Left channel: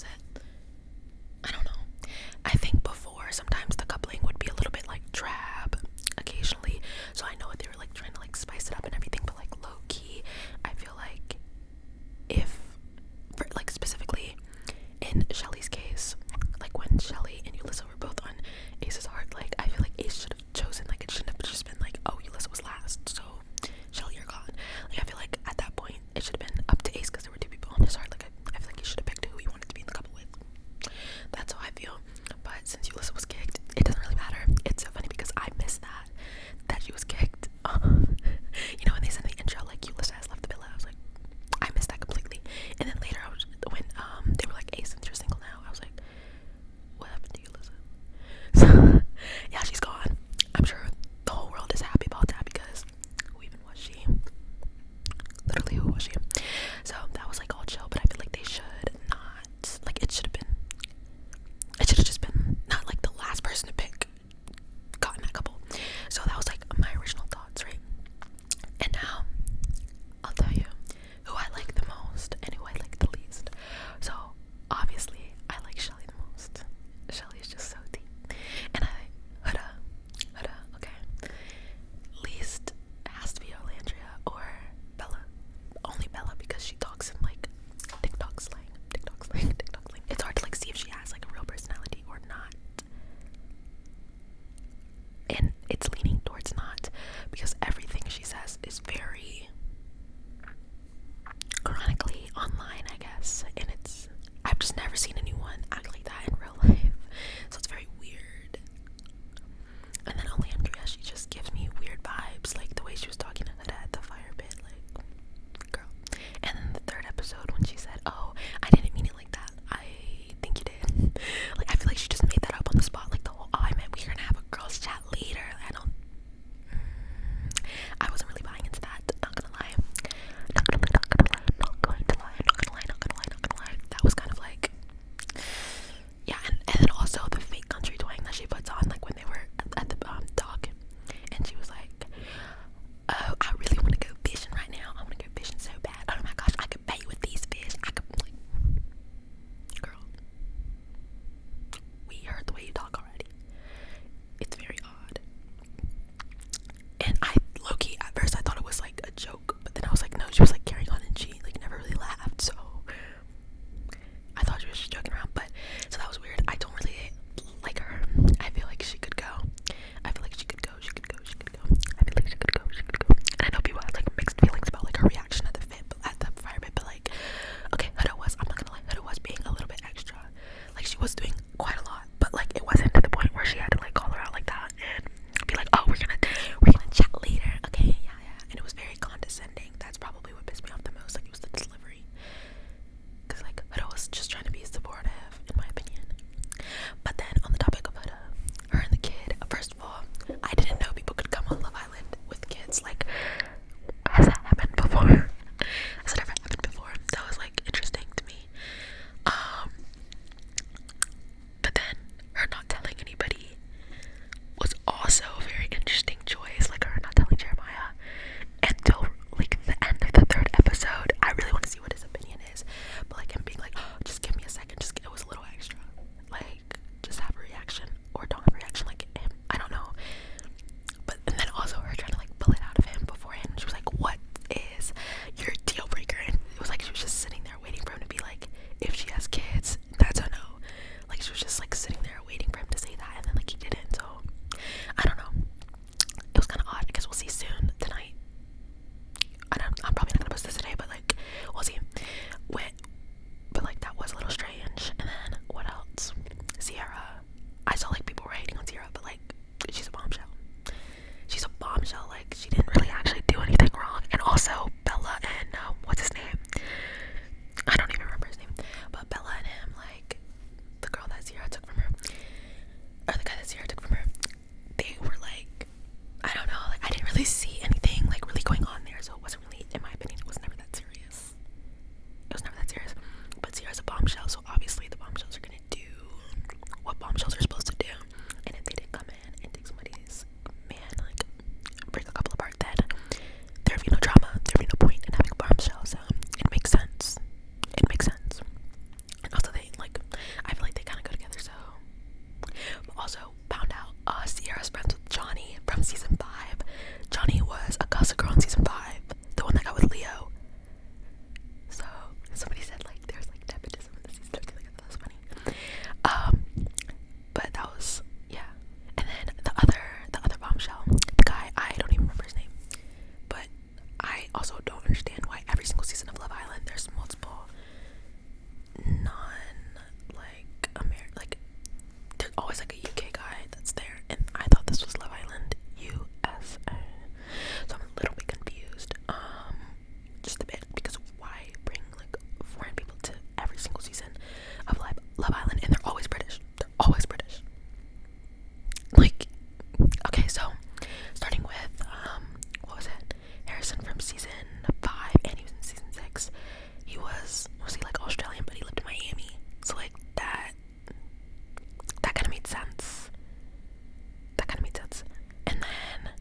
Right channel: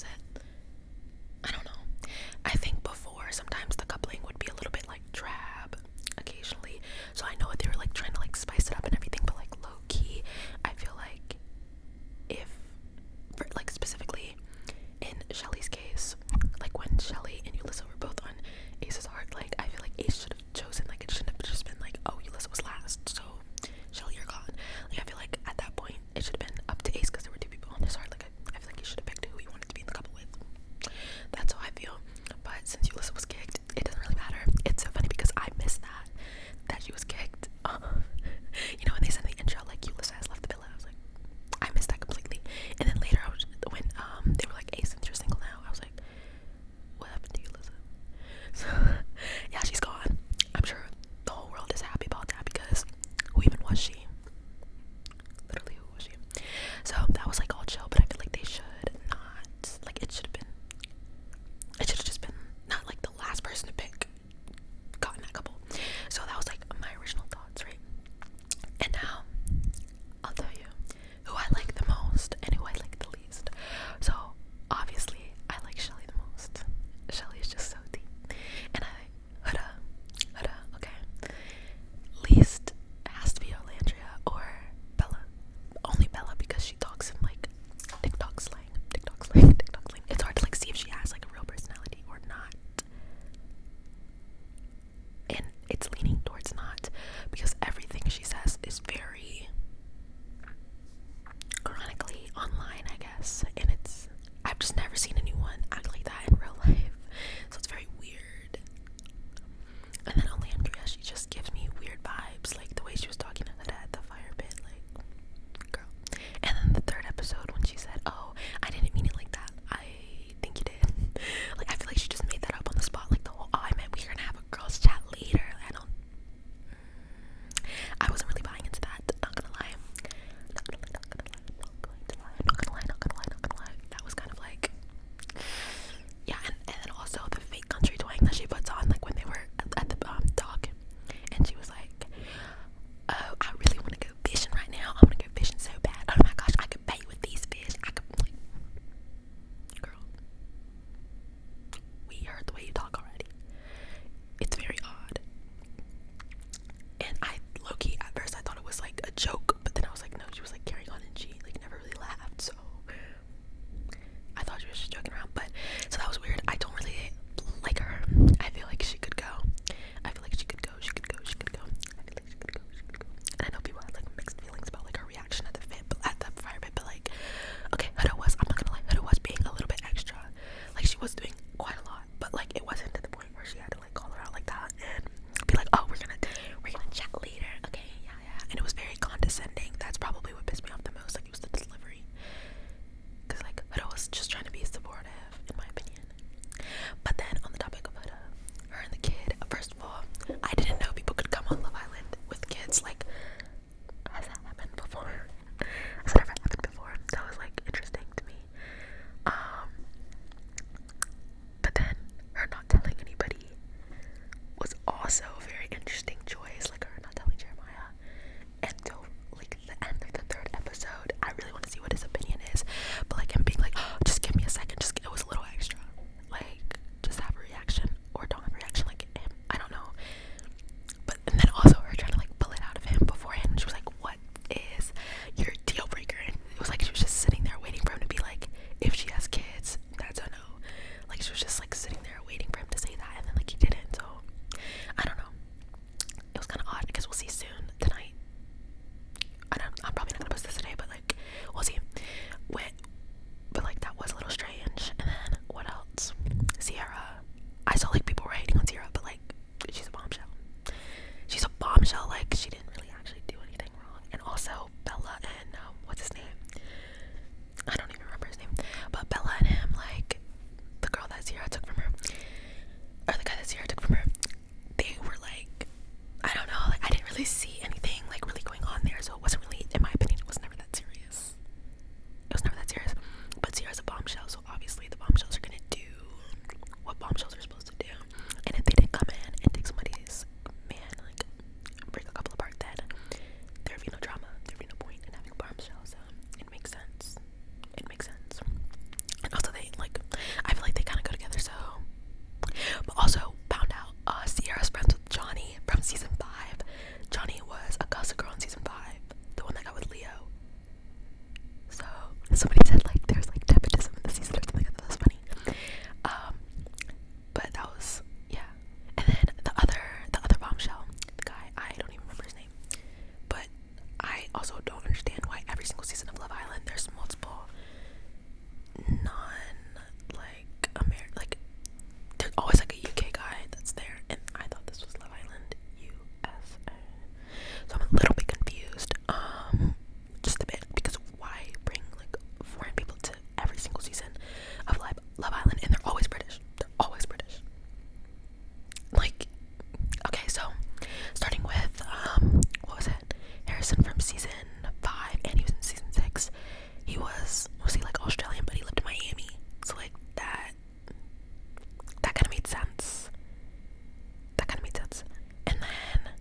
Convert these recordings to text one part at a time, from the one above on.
was it? I don't know. I think before, sometimes the coupling would be a little bit like drab occasionally. So I know they were like trying to like spice it up and everything, but like low key, I feel like if, for, like specifically in Shelly's case, like when Shelly and Yulissa were both on Ace's heart, like I feel like Ace should have chosen, like it shouldn't have just been like, oh, Yulissa was last, so Shelly, you're gone. Like I feel like at that point it should have been up to Ace because there were two people on his heart. Like I feel like he should have picked who he wanted to be in the couple with. That's how I feel. But since Yulissa was kicked, it doesn't really matter. It's so funny because I missed that she was kicked. You know, when they said in the intro like Yulissa has left the villa, I was like, I missed that completely. And then later when they were like, Ace, since you're single now, I was like, what happened to Yulissa? So yeah, she's gone. I'm sure the whole world is happy about that because who even was she? Literally, who was she? So that was like all chill, but I feel like they should not, like it should have just been not like the last person to pick gotten that couple. So that was like my original thoughts, right? And now I'll tell you who I like the most and who I like the least. So obviously I like Shelly the most. Shelly is just so deep. And Huda, okay. Least has to be Olandria or Bella. Only Bella because she talks in like TikTok slang. It's hard to like see if she has like a real personality or not. And it's leaning towards not because everything she says is very chronically online, I guess. And I've just never seen anyone act like that in real life. So it's very weird. And then Olandria, she just gives me weird vibes, like the way she was talking to Huda at the fire pit, like, girl. And then the third episode when she said, oh, I didn't mean it like that, I think you did. Like, I feel like she just made that up on the spot, like the whole, oh, I meant we're gonna have a girls chat later. I wasn't really buying into that, not gonna lie. That was kind of like, yeah, and then also the fake country twang that she puts on, like when they were at the dock, and she was like, oh, I really want to go fishing right now. I want to go fishing so bad. Oh my gosh, I could pay you with these fish. I could, like, girl, we heard the way you talk already. It's very odd. And I, low-key, at first I thought it was like a joke, but then I was like, no, she was like carrying on and she like never really laughed, so I thought she was just joking around. But so that was weird. I don't really like her. I feel like she could go. I feel like she could go. I feel like she could go. And I know people had like mixed feelings about like her reaction at the fire pit, but like, okay, Huda was, I'm not gonna lie, Huda was being a little bit extra. Like she was doing quite a lot, but like it wasn't to the point where she had to like call her out like that and be like, oh, we're gonna chat later, okay, yeah. And it was very condescending. That's probably what pissed me off the most. Like it was the delivery, because like Huda was just trying to be supportive, in my opinion. But then on the topic of Huda, her and the kid, first of all, I didn't know people could come on Love Island with kids. Like, has that happened before? Has that ever happened before? That was like interesting to me. But then her not telling anybody was also a very interesting choice. Like her not telling Jeremiah until like the end of the third episode. I really want to see what his opinion is, but like him being like, oh, just give me a second, just it was a little extra. Like just have a reaction or don't have a reaction, like him. I don't know. But and then also her trying to like pull it out of him beforehand. She was like, what is your deal breaker? And it was like she was just sitting there waiting for him to be like, if she has kids, that's a no. Like she was just like sitting there waiting for him to say that, and then like he didn't. So I don't know. It was kind of odd. I guess we'll see soon tonight. I'm probably not gonna post this today, but like we'll see. But like that was a little strange. And then what else? Sierra. I saw like people were hating on Sierra, but like she's a bombshell. She's a bombshell. Like she didn't really actually do anything wrong. And also Bella and what's his name? I don't even remember his name. But Bella and him, like the girl that Sierra took from her, or the guy that Sierra took from her, they were like, I don't know, like I didn't really see anything like really going on there, so it wasn't really, in my opinion, it was never that serious. It was never that serious. But Sierra's a bombshell, so obviously the bombshells are gonna do what bombshells are supposed to do. And if they didn't come in and take somebody's man, like break a couple apart, then there'd be no drama, there'd be no point in having a bombshell. So it makes sense. And also they like Love Island, and they're always British. They're always British. Like, okay, so starting with what was it? Harrison from season 5, and he was in season 6. He was he like Australian, but he lived in Miami. So like that kind of made sense. That kind of made sense. And then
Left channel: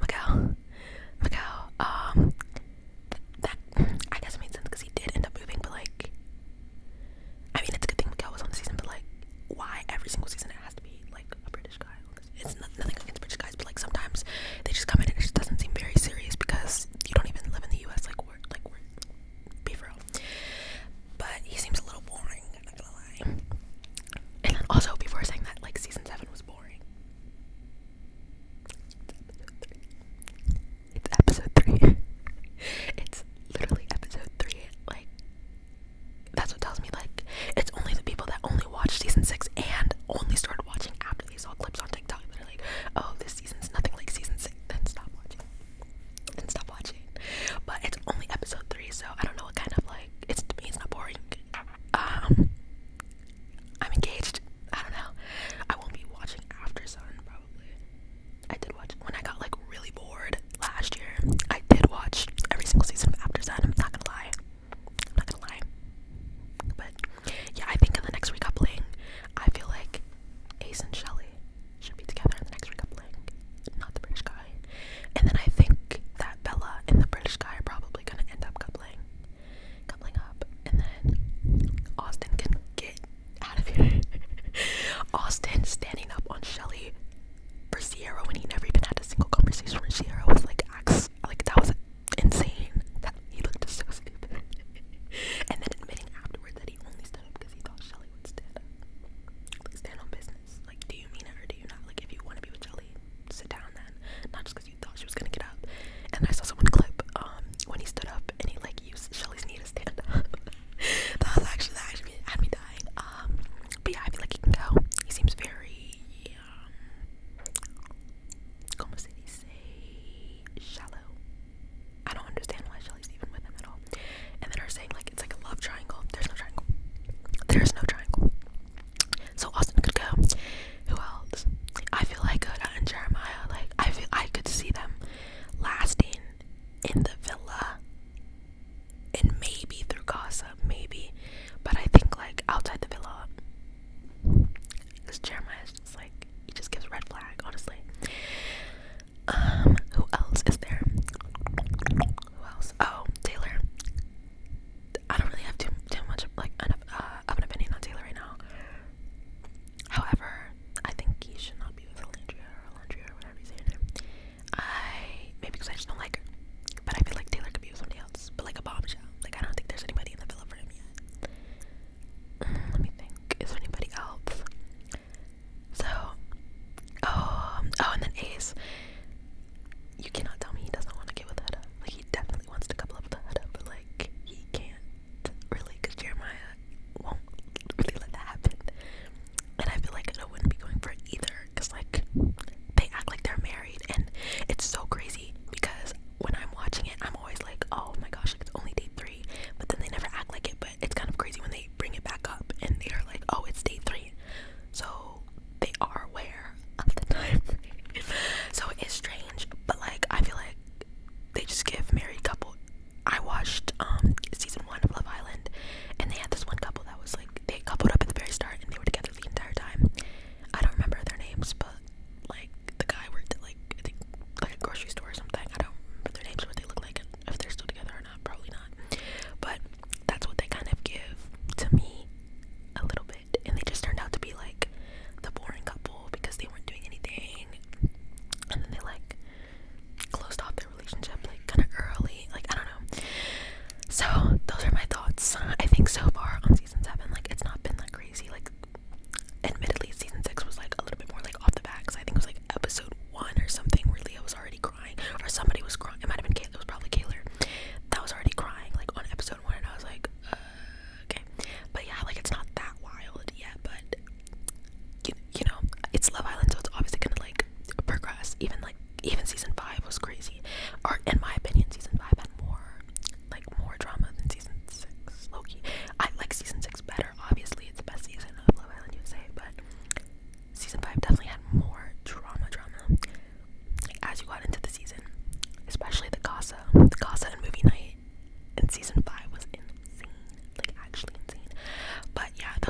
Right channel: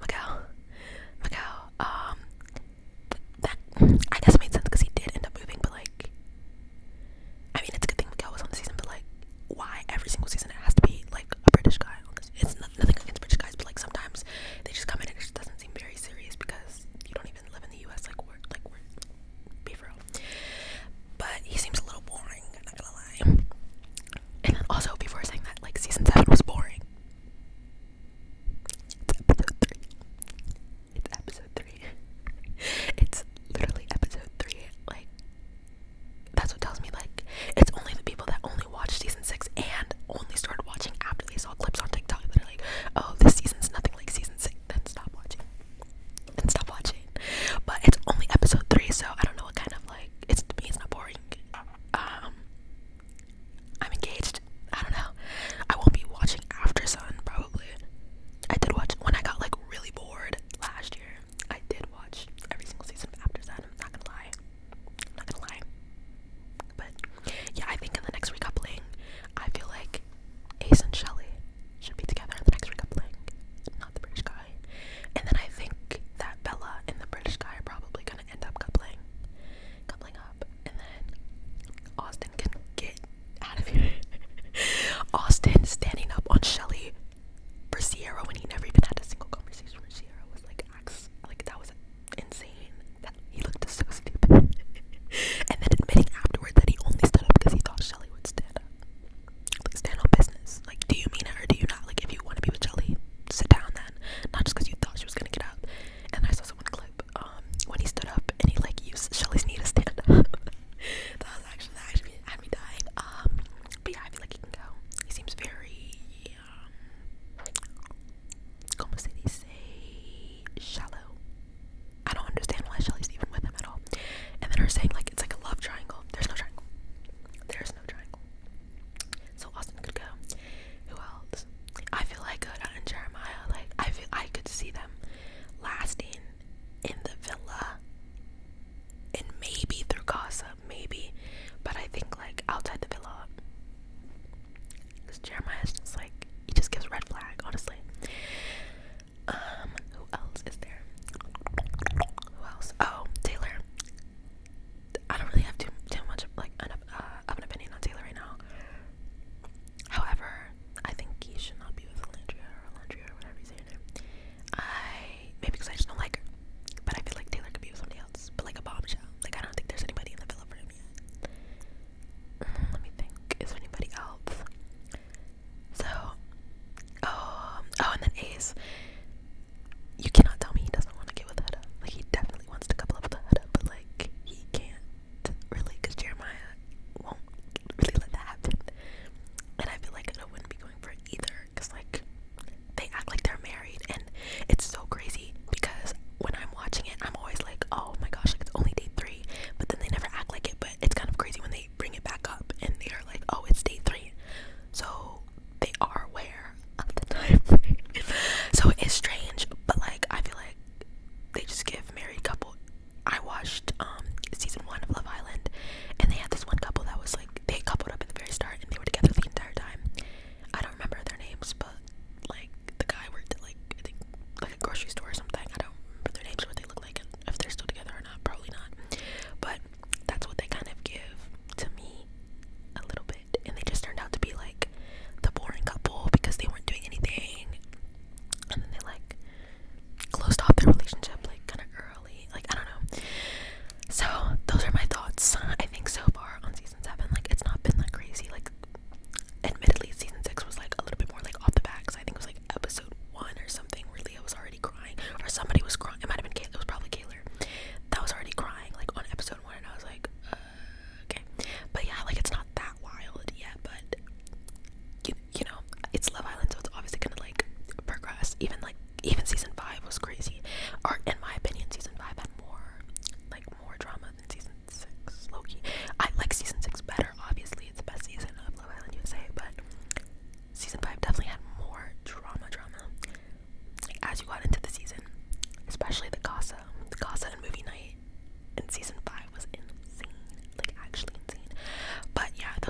Miguel, that I guess it made sense because he did end up moving, but like, I mean, it's a good thing Miguel was on the season, but like, why every single season it has to be like a British guy on this? It's nothing against British guys, but like sometimes they just come in and it just doesn't seem very serious because you don't even live in the US. Like we're be for real. But he seems a little boring, I'm not gonna lie. And then also before saying that, like season 7 was boring. It's episode 3. It's literally episode 3. Like, that's what tells me, like, it's only the people that only watched season 6 and only started watching after they saw clips on TikTok that are like, oh, this season's nothing like season 6, then stop watching. But it's only episode 3, so I don't know what kind of, like, to me it's not boring. I'm engaged. I don't know. I won't be watching After Sun, probably. I did watch, when I got, like, really bored last year, I did watch every single season of After Sun. I'm not gonna lie. But, yeah, I think in the next recoupling, I feel like Ace and Shelly should be together in the next recoupling, not the British guy. And then I think that Bella and the British guy are probably gonna end up coupling up. And then Austin can get out of here. Austin standing up on Shelly for Sierra when he never even had a single conversation with Sierra was like that was insane. That he looked so stupid. And then admitting afterward that he only stood up because he thought Shelly would stand up. Like, stand on business. Like, do you mean it or do you not? Like, if you want to be with Shelly, sit down then. Not just because you thought she was gonna get out. And I saw someone clip when he stood up and he like used Shelly's knee to stand up. that actually had me dying. But yeah, I feel like he can go. He seems very como se dice, shallow. I don't understand why Shelly's even with him at all. And then her saying like it's like a love triangle. There's no triangle. So Austin could go. Who else? I feel like Huda and Jeremiah, like I feel I could see them lasting in the villa and maybe through gossip, maybe. But I think like outside the villa, because Jeremiah's just like, he just gives red flag, honestly. Who else is there? Who else? Oh, Taylor. I don't really have too much of like of an opinion on Taylor right now. However, I think he should not be with Alandria or whatever you say her name. Maybe because I just don't like her. But I feel like Taylor could be with somebody else. But like a Bombshell. Like I don't think there's anybody in the villa for him yet.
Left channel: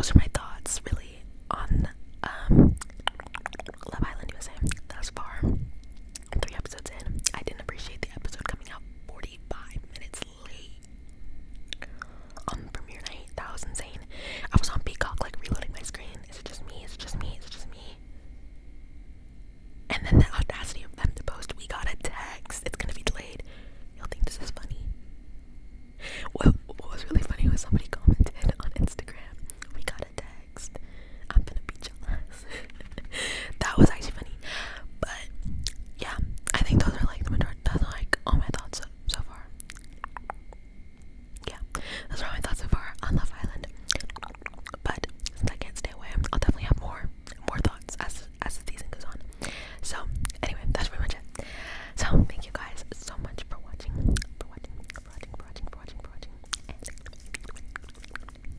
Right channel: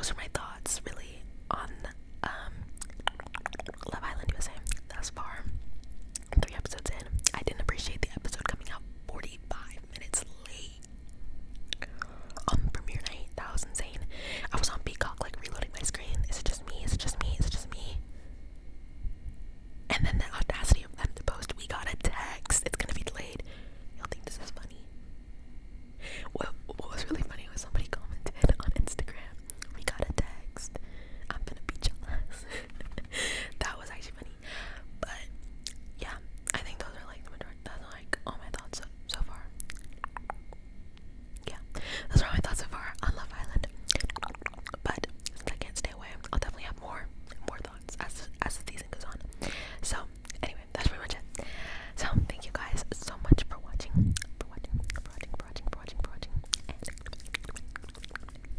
those are my